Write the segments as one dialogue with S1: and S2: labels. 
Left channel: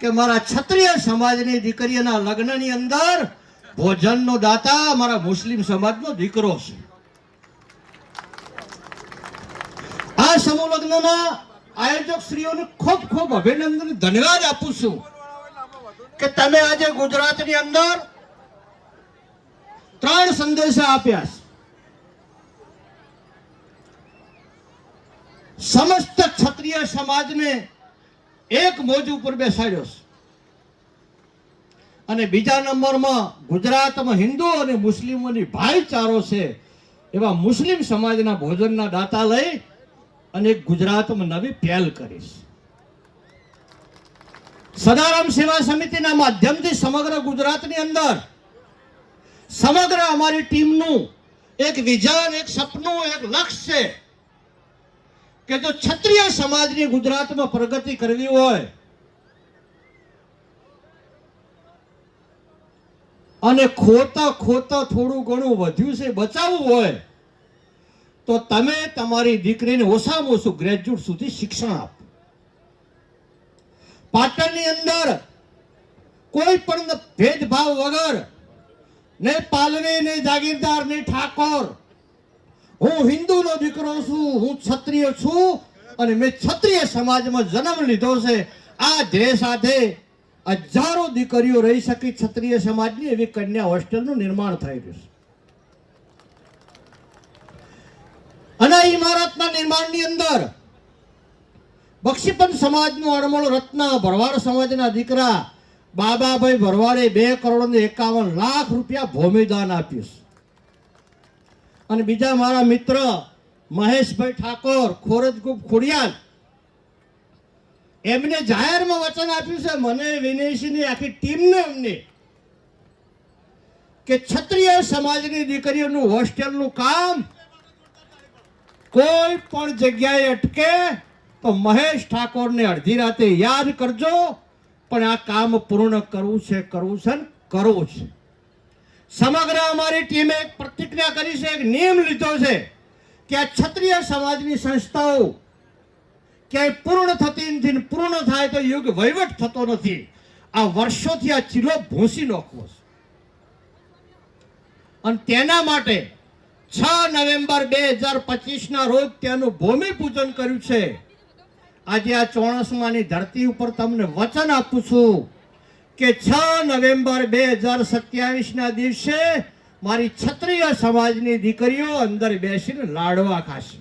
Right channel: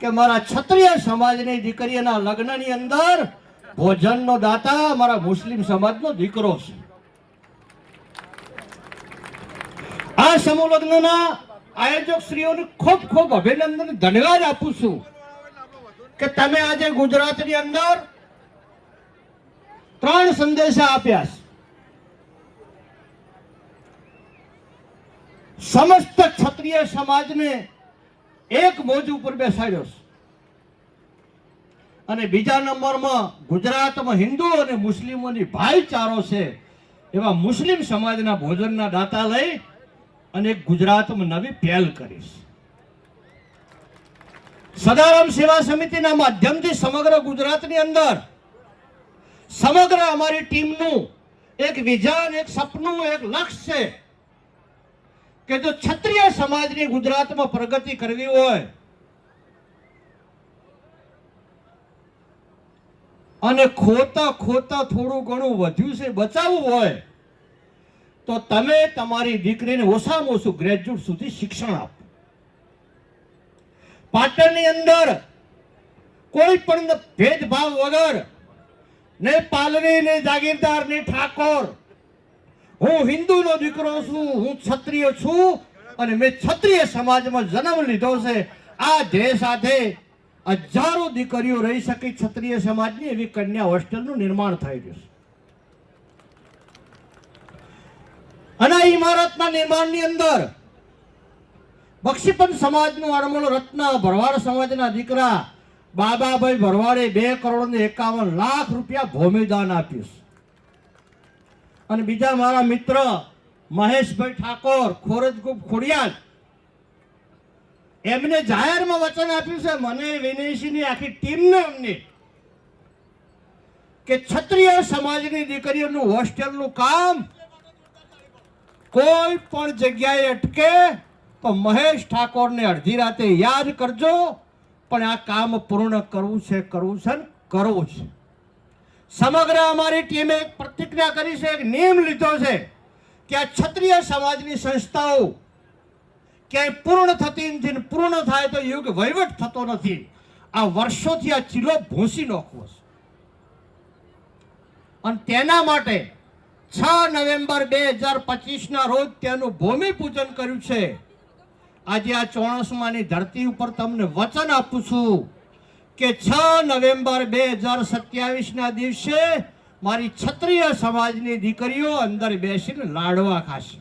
S1: કે મારા ક્ષત્રિય સમાજની દીકરીના લગ્નની અંદર ભોજનનો દાતા મારા મુસ્લિમ સમાજનો દીકરો છે. આ સમૂહ લગ્નના આયોજક શ્રીઓને ખૂબ ખૂબ અભિનંદન, ધન્યવાદ આપું છું કે તમે આજે ગુજરાતની અંદર ત્રણ સંદેશા આપ્યા છે. સમસ્ત ક્ષત્રિય સમાજને એક મોજ ઉપર બેસાડ્યો છે. અને બીજા નંબરમાં ગુજરાતમાં હિન્દુ અને મુસ્લિમોની ભાઈચારો છે એવા મુસ્લિમ સમાજના ભોજનના દાતા લઈ અને ગુજરાતમાં નવી પહેલ કરીશ. સદારામ સેવા સમિતિના માધ્યમથી સમગ્ર ગુજરાતની અંદર, સમગ્ર અમારી ટીમનું એક વિઝન, એક સપનું, એક લક્ષ્ય છે. કે જો ક્ષત્રિય સમાજની ગુજરાતમાં પ્રગતિ કરવી હોય અને ખોતા ખોતા થોડું ઘણું વધ્યું છે, બચાવવું હોય, તો તમે તમારી દીકરીને ઓછામાં ઓછું ગ્રેજ્યુએટ સુધી શિક્ષણ આપો. પાટણની અંદર કોઈ પણ ભેદભાવ વગર ને પાલવી, ને જાગીરદાર, ને ઠાકોર હું હિન્દુનો દીકરો છું, હું ક્ષત્રિય છું અને મેં ક્ષત્રિય સમાજમાં જન્મ લીધો છે. આ ધ્યેય સાથે હજારો દીકરીઓ રહી શકે ક્ષત્રિય સમાજની, એવી કન્યા હોસ્ટેલનું નિર્માણ થઈ રહ્યું છે. અને ઇમારતના નિર્માણની અંદર બક્ષીપન સમાજનું અણમોલ રત્ન ભરવાડ સમાજના દીકરા બાબાભાઈ ભરવાડે બે કરોડ ને એકાવન લાખ રૂપિયા ભૂમિદાન આપ્યું છે. અને બીજા મારા મિત્ર મહેશભાઈ ઠાકોર ખોરજગુપ ખોડિયાલ, એમને જાહેરમાં વચન આપ્યું છે, મને વિનયસિંહની આખી ટીમને એમને કે ક્ષત્રિય સમાજની દીકરીઓનું હોસ્ટેલનું કામ કોઈ પણ જગ્યાએ અટકે તો મહેશ ઠાકોરને અડધી રાતે યાદ કરજો, પણ આ કામ પૂર્ણ કરવું છે કરવું છે કરવું છે. સમગ્ર અમારી ટીમે પ્રતિજ્ઞા કરી છે, એક નિયમ લીધો છે કે આ ક્ષત્રિય સમાજની સંસ્થાઓ ક્યાંય પૂર્ણ થતી નથી પૂર્ણ થાય તો યુગ વહીવટ થતો નથી. આ વર્ષોથી આ ચીલો ભૂંસી નાખવો છે. અને તેના માટે છ નવેમ્બર બે હજાર પચીસના રોજ તેનું ભૂમિપૂજન કર્યું છે. આજે આ ચોણસમાની ધરતી ઉપર તમને વચન આપું છું. કે છ નવેમ્બર બે હજાર સત્યાવીસના દિવસે મારી ક્ષત્રિય સમાજની દીકરીઓ અંદર બેસીને લાડવા ખાશે.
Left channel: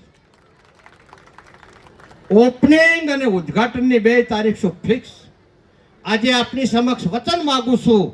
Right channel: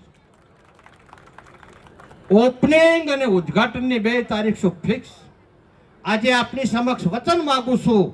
S1: ઓપનિંગ અને ઉદ્ઘાટનની બે તારીખ શું ફિક્સ આજે આપની સમક્ષ વચન માગું છું.